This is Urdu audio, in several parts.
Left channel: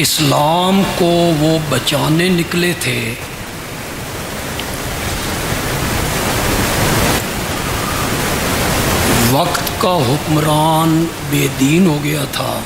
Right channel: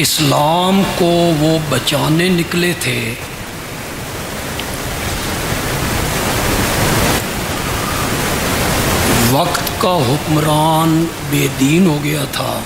اسلام کو وہ بچانے نکلے تھے، وقت کا حکمران بے دین ہو گیا تھا،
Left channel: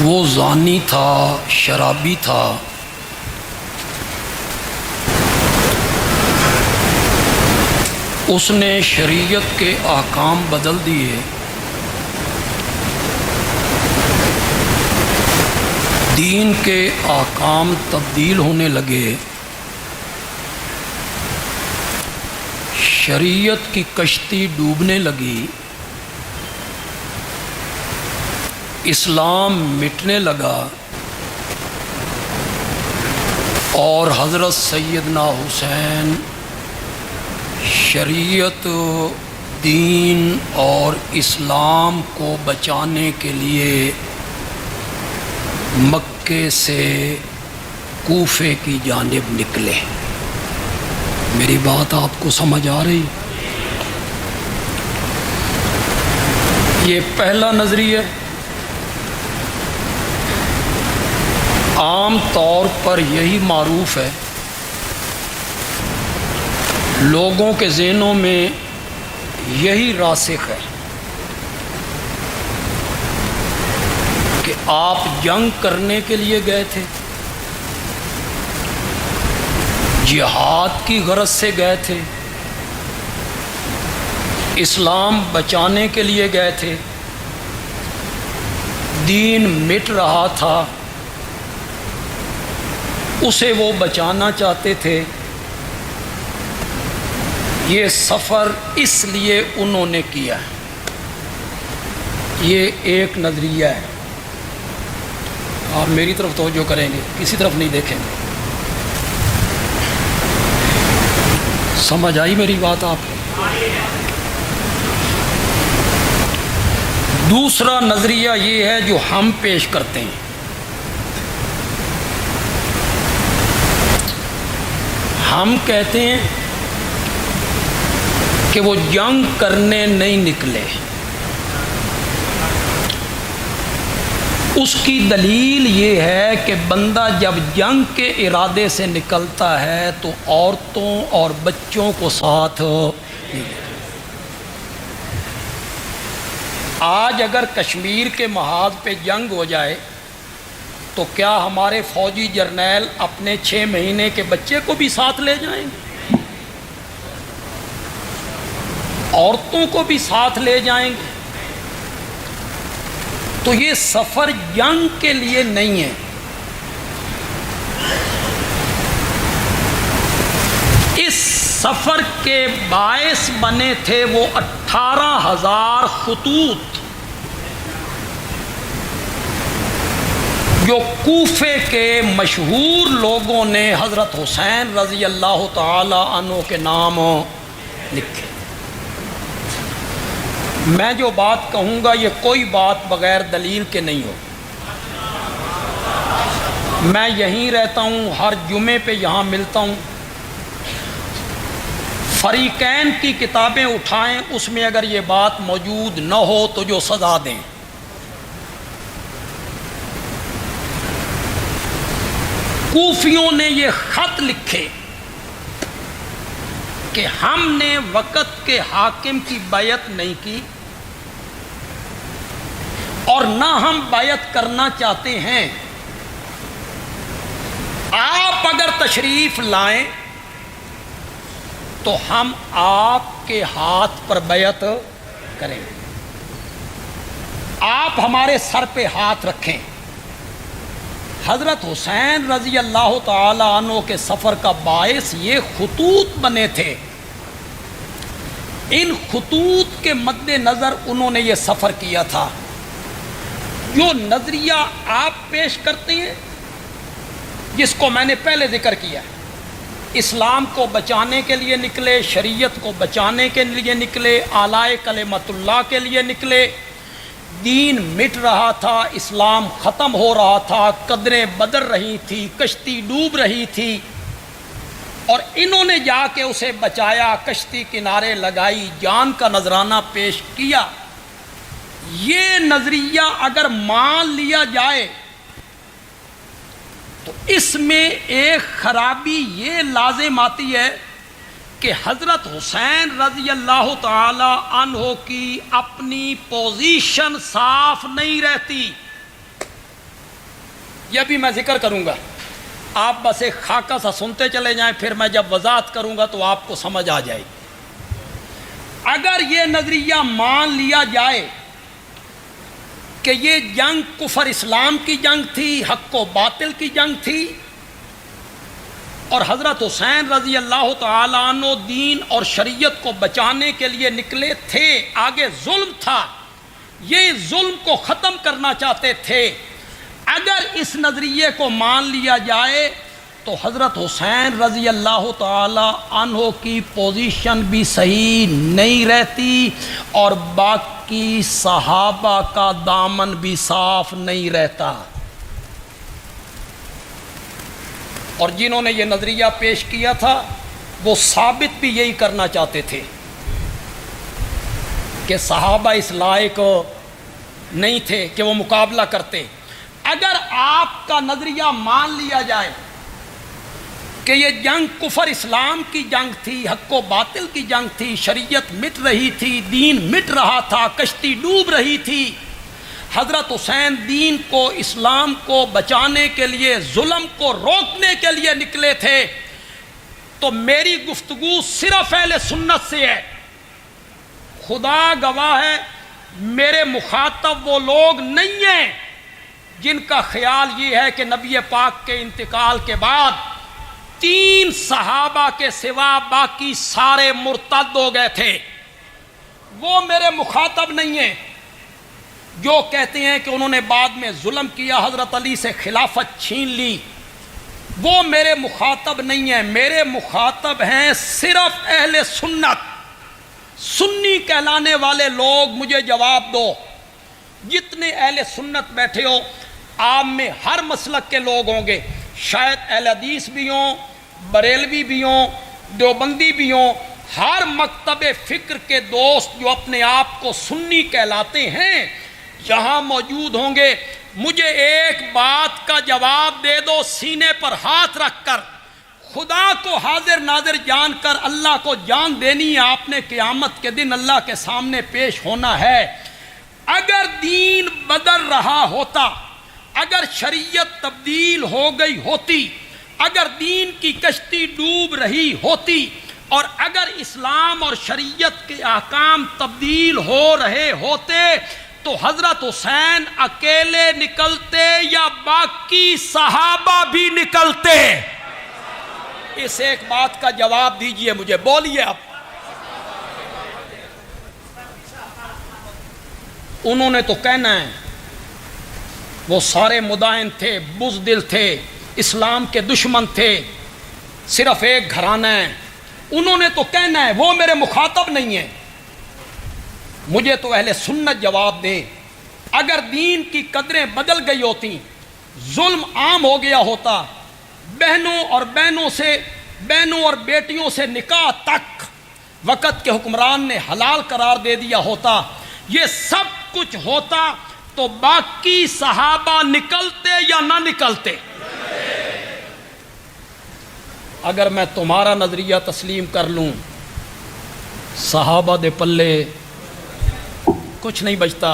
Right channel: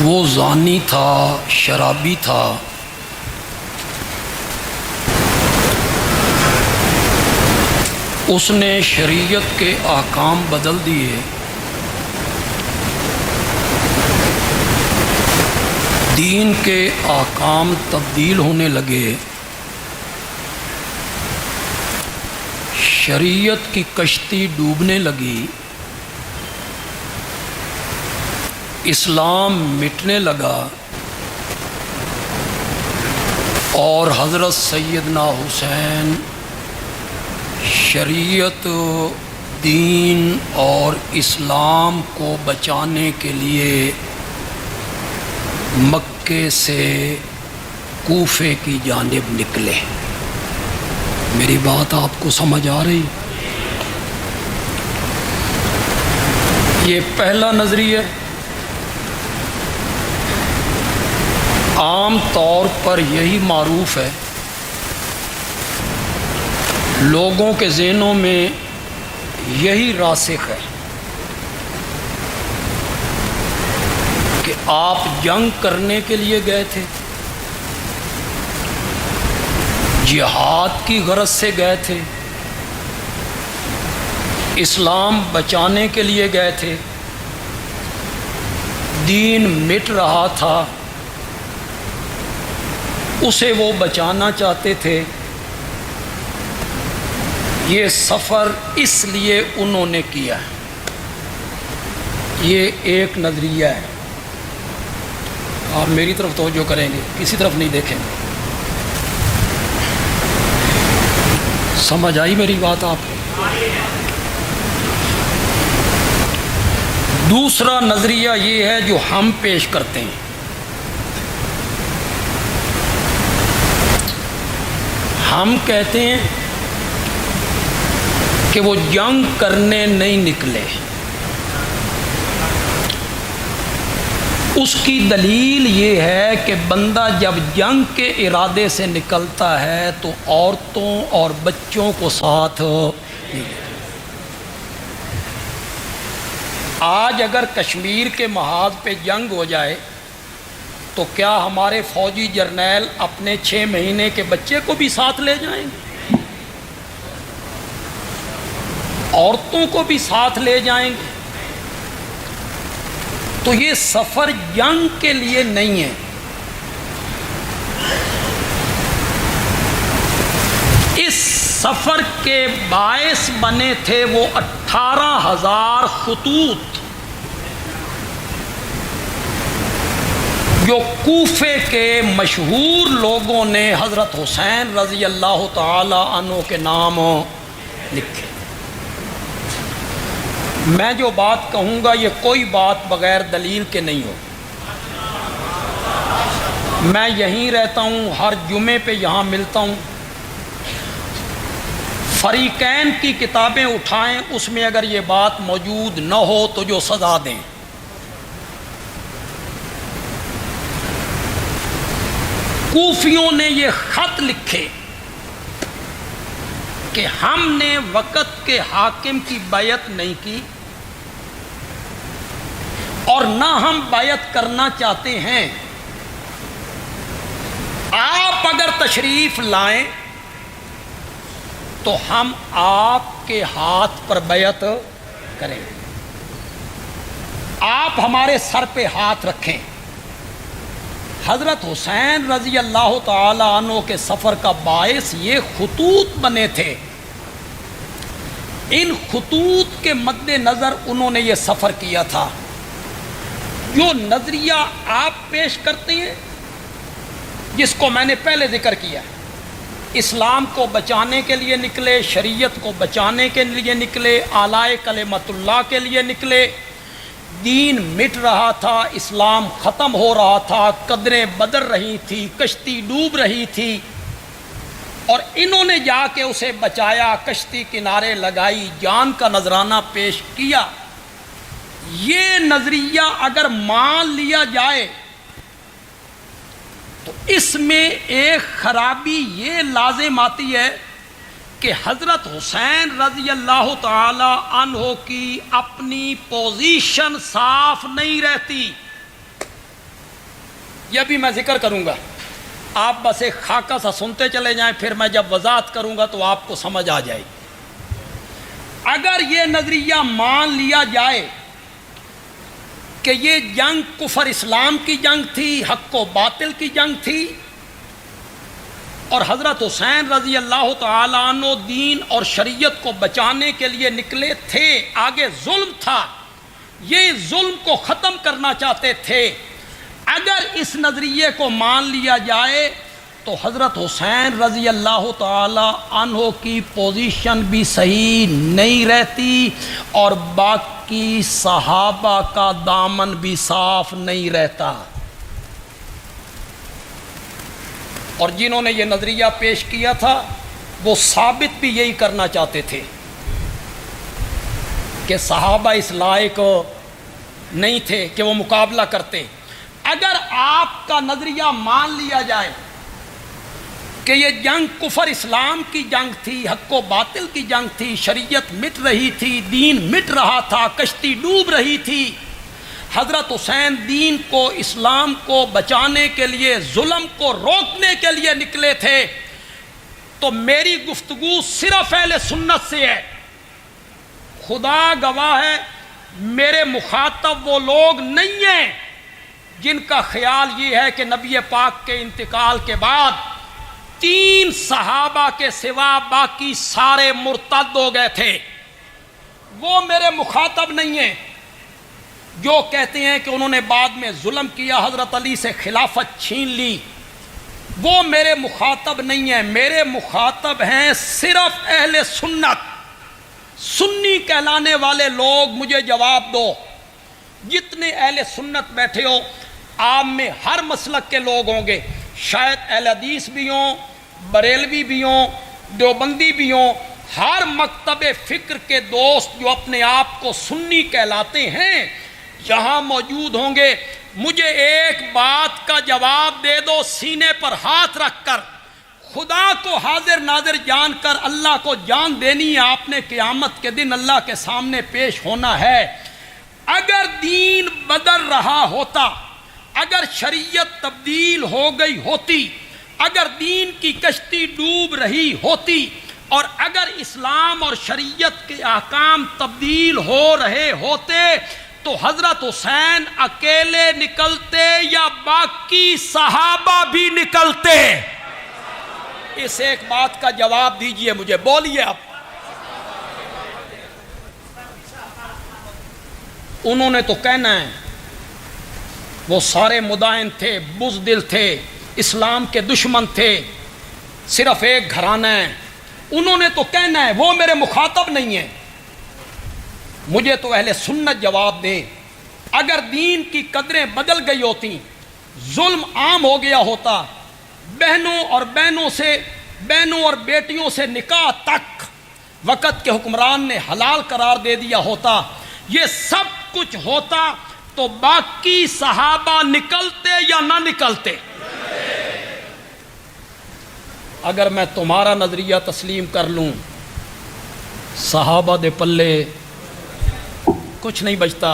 وہ زانی تھا، شرابی تھا، اس نے شریعت کے احکام بدل دیے، دین کے احکام تبدیل ہونے لگے، شریعت کی کشتی ڈوبنے لگی، اسلام مٹنے لگا، اور حضرت سیدنا حسین شریعت، دین اور اسلام کو بچانے کے لیے مکے سے کوفے کی جانب نکلے۔ میری بات آپ کو سمجھ آ رہی؟ یہ پہلا نظریہ عام طور پر یہی معروف ہے، لوگوں کے ذہنوں میں یہی راسخ ہے کہ آپ جنگ کرنے کے لیے گئے تھے، جہاد کی غرض سے گئے تھے، اسلام بچانے کے لیے گئے تھے، دین مٹ رہا تھا، اسے وہ بچانا چاہتے تھے۔ یہ سفر اس لیے انہوں نے کیا ہے۔ یہ ایک نظریہ ہے، آپ میری طرف توجہ کریں گے، کسی طرف نہیں دیکھیں گے۔ سمجھ آئی میری بات آپ کو؟ دوسرا نظریہ یہ ہے جو ہم پیش کرتے ہیں، ہم کہتے ہیں کہ وہ جنگ کرنے نہیں نکلے، اس کی دلیل یہ ہے کہ بندہ جب جنگ کے ارادے سے نکلتا ہے تو عورتوں اور بچوں کو ساتھ۔ آج اگر کشمیر کے محاذ پہ جنگ ہو جائے تو کیا ہمارے فوجی جرنیل اپنے 6 مہینے کے بچے کو بھی ساتھ لے جائیں گے؟ عورتوں کو بھی ساتھ لے جائیں گے؟ تو یہ سفر جنگ کے لیے نہیں ہے، اس سفر کے باعث بنے تھے وہ 18,000 خطوط جو کوفے کے مشہور لوگوں نے حضرت حسین رضی اللہ تعالی عنہ کے نام لکھے۔ میں جو بات کہوں گا یہ کوئی بات بغیر دلیل کے نہیں ہو۔ میں یہیں رہتا ہوں، ہر جمعے پہ یہاں ملتا ہوں، فریقین کی کتابیں اٹھائیں، اس میں اگر یہ بات موجود نہ ہو تو جو سزا دیں۔ کوفیوں نے یہ خط لکھے کہ ہم نے وقت کے حاکم کی بیعت نہیں کی اور نہ ہم بیعت کرنا چاہتے ہیں، آپ اگر تشریف لائیں تو ہم آپ کے ہاتھ پر بیعت کریں، آپ ہمارے سر پہ ہاتھ رکھیں۔ حضرت حسین رضی اللہ تعالی عنہ کے سفر کا باعث یہ خطوط بنے تھے، ان خطوط کے مد نظر انہوں نے یہ سفر کیا تھا۔ جو نظریہ آپ پیش کرتے ہیں، جس کو میں نے پہلے ذکر کیا، اسلام کو بچانے کے لیے نکلے، شریعت کو بچانے کے لیے نکلے، اعلی کلمت اللہ کے لیے نکلے، دین مٹ رہا تھا، اسلام ختم ہو رہا تھا، قدریں بدل رہی تھی، کشتی ڈوب رہی تھی، اور انہوں نے جا کے اسے بچایا، کشتی کنارے لگائی، جان کا نذرانہ پیش کیا۔ یہ نظریہ اگر مان لیا جائے تو اس میں ایک خرابی یہ لازم آتی ہے کہ حضرت حسین رضی اللہ تعالی عنہ کی اپنی پوزیشن صاف نہیں رہتی. یہ بھی میں ذکر کروں گا، آپ بس ایک خاکہ سا سنتے چلے جائیں، پھر میں جب وضاحت کروں گا تو آپ کو سمجھ آ جائے. اگر یہ نظریہ مان لیا جائے کہ یہ جنگ کفر اسلام کی جنگ تھی، حق و باطل کی جنگ تھی، اور حضرت حسین رضی اللہ تعالیٰ عنہ دین اور شریعت کو بچانے کے لیے نکلے تھے، آگے ظلم تھا، یہ ظلم کو ختم کرنا چاہتے تھے، اگر اس نظریے کو مان لیا جائے تو حضرت حسین رضی اللہ تعالی عنہ کی پوزیشن بھی صحیح نہیں رہتی اور باقی صحابہ کا دامن بھی صاف نہیں رہتا. اور جنہوں نے یہ نظریہ پیش کیا تھا وہ ثابت بھی یہی کرنا چاہتے تھے کہ صحابہ اس لائق نہیں تھے کہ وہ مقابلہ کرتے. اگر آپ کا نظریہ مان لیا جائے کہ یہ جنگ کفر اسلام کی جنگ تھی، حق و باطل کی جنگ تھی، شریعت مٹ رہی تھی، دین مٹ رہا تھا، کشتی ڈوب رہی تھی، حضرت حسین دین کو، اسلام کو بچانے کے لیے، ظلم کو روکنے کے لیے نکلے تھے، تو میری گفتگو صرف اہل سنت سے ہے. خدا گواہ ہے میرے مخاطب وہ لوگ نہیں ہیں جن کا خیال یہ ہے کہ نبی پاک کے انتقال کے بعد 3 صحابہ کے سوا باقی سارے مرتد ہو گئے تھے. وہ میرے مخاطب نہیں ہیں جو کہتے ہیں کہ انہوں نے بعد میں ظلم کیا، حضرت علی سے خلافت چھین لی. وہ میرے مخاطب نہیں ہیں، میرے مخاطب ہیں صرف اہل سنت، سنی کہلانے والے لوگ. مجھے جواب دو، جتنے اہل سنت بیٹھے ہو، آپ میں ہر مسلک کے لوگ ہوں گے، شاید اہل حدیث بھی ہوں، بریلوی بھی ہوں، دیوبندی بھی ہوں، ہر مکتب فکر کے دوست جو اپنے آپ کو سنی کہلاتے ہیں یہاں موجود ہوں گے. مجھے ایک بات کا جواب دے دو سینے پر ہاتھ رکھ کر، خدا کو حاضر ناظر جان کر اللہ کو جان دینی ہے، آپ نے قیامت کے دن اللہ کے سامنے پیش ہونا ہے. اگر دین بدل رہا ہوتا، اگر شریعت تبدیل ہو گئی ہوتی، اگر دین کی کشتی ڈوب رہی ہوتی، اور اگر اسلام اور شریعت کے احکام تبدیل ہو رہے ہوتے تو حضرت حسین اکیلے نکلتے یا باقی صحابہ بھی نکلتے؟ اس ایک بات کا جواب دیجئے مجھے، بولیے اب. انہوں نے تو کہنا ہے وہ سارے مدائن تھے، بزدل تھے، اسلام کے دشمن تھے، صرف ایک گھرانہ ہے. انہوں نے تو کہنا ہے، وہ میرے مخاطب نہیں ہیں. مجھے تو اہل سنت جواب دیں. اگر دین کی قدریں بدل گئی ہوتی، ظلم عام ہو گیا ہوتا، بہنوں اور بیٹیوں سے نکاح تک وقت کے حکمران نے حلال قرار دے دیا ہوتا، یہ سب کچھ ہوتا، تو باقی صحابہ نکلتے یا نہ نکلتے؟ اگر میں تمہارا نظریہ تسلیم کر لوں، صحابہ دے پلے کچھ نہیں بچتا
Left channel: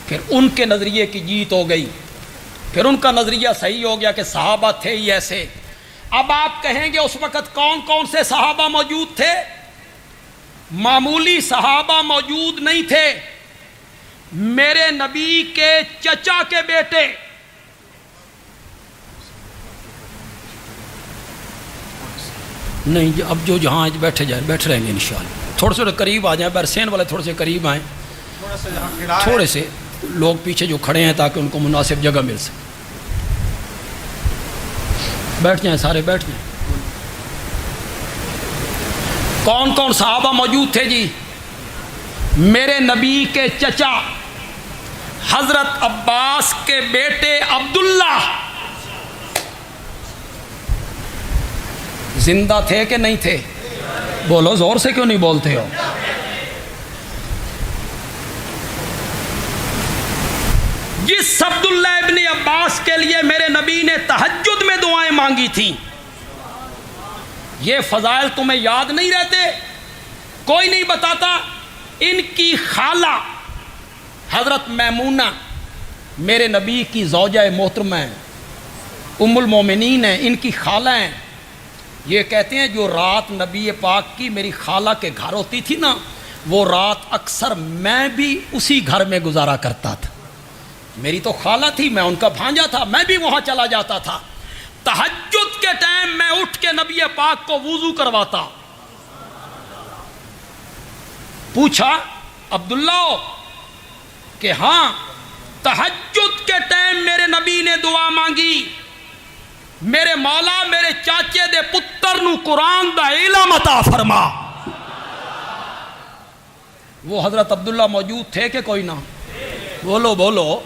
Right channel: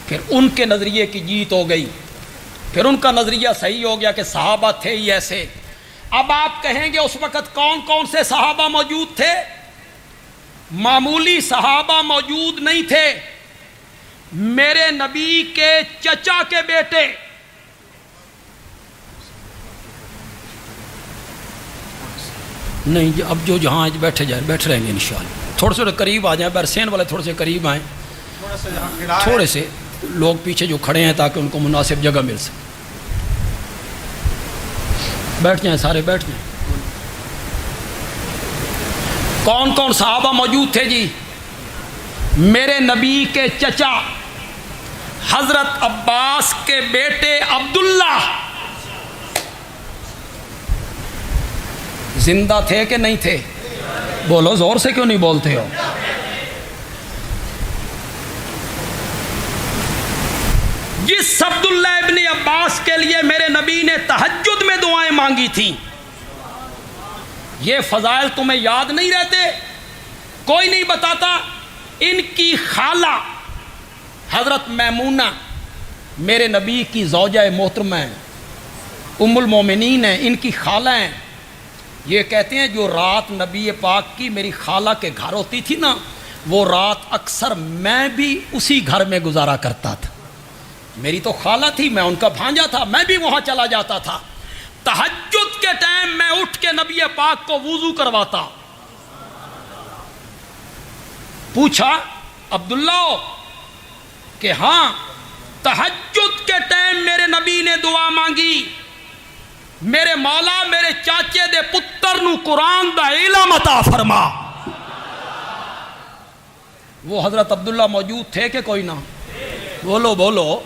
کہ ان کے نظریے کی جیت ہو گئی، پھر ان کا نظریہ صحیح ہو گیا کہ صحابہ تھے ہی ایسے. اب آپ کہیں گے اس وقت کون کون سے صحابہ موجود تھے؟ معمولی صحابہ موجود نہیں تھے، میرے نبی کے چچا کے بیٹے، نہیں اب جو جہاں بیٹھے جائیں بیٹھ رہیں گے، تھوڑے سے قریب آ جائیں، برسین والے تھوڑے سے قریب آئیں، تھوڑے سے لوگ پیچھے جو کھڑے ہیں تاکہ ان کو مناسب جگہ مل سکے. بیٹھ جائیں، سارے بیٹھ جائیں. کون کون صحابہ موجود تھے جی؟ میرے نبی کے چچا حضرت عباس کے بیٹے عبداللہ زندہ تھے کہ نہیں تھے؟ بولو، زور سے کیوں نہیں بولتے ہو؟ جس عبداللہ ابن عباس کے لیے میرے نبی نے تہجد میں دعائیں مانگی تھیں، یہ فضائل تمہیں یاد نہیں رہتے؟ کوئی نہیں بتاتا؟ ان کی خالہ حضرت میمونہ میرے نبی کی زوجہ محترمہ ہیں، ام المومنین ہیں، ان کی خالہ ہیں، یہ کہتے ہیں جو رات نبی پاک کی میری خالہ کے گھر ہوتی تھی نا، وہ رات اکثر میں بھی اسی گھر میں گزارا کرتا تھا۔ میری تو خالہ تھی، میں ان کا بھانجا تھا، میں بھی وہاں چلا جاتا تھا۔ تہجد کے ٹائم میں اٹھ کے نبی پاک کو وضو کرواتا۔ پوچھا عبداللہ کہ ہاں، تہجد کے ٹائم میرے نبی نے دعا مانگی، میرے مولا میرے چاچے دے پتر نو قرآن دا علم عطا فرما۔ وہ حضرت عبداللہ موجود تھے کہ کوئی نہ؟ بولو بولو۔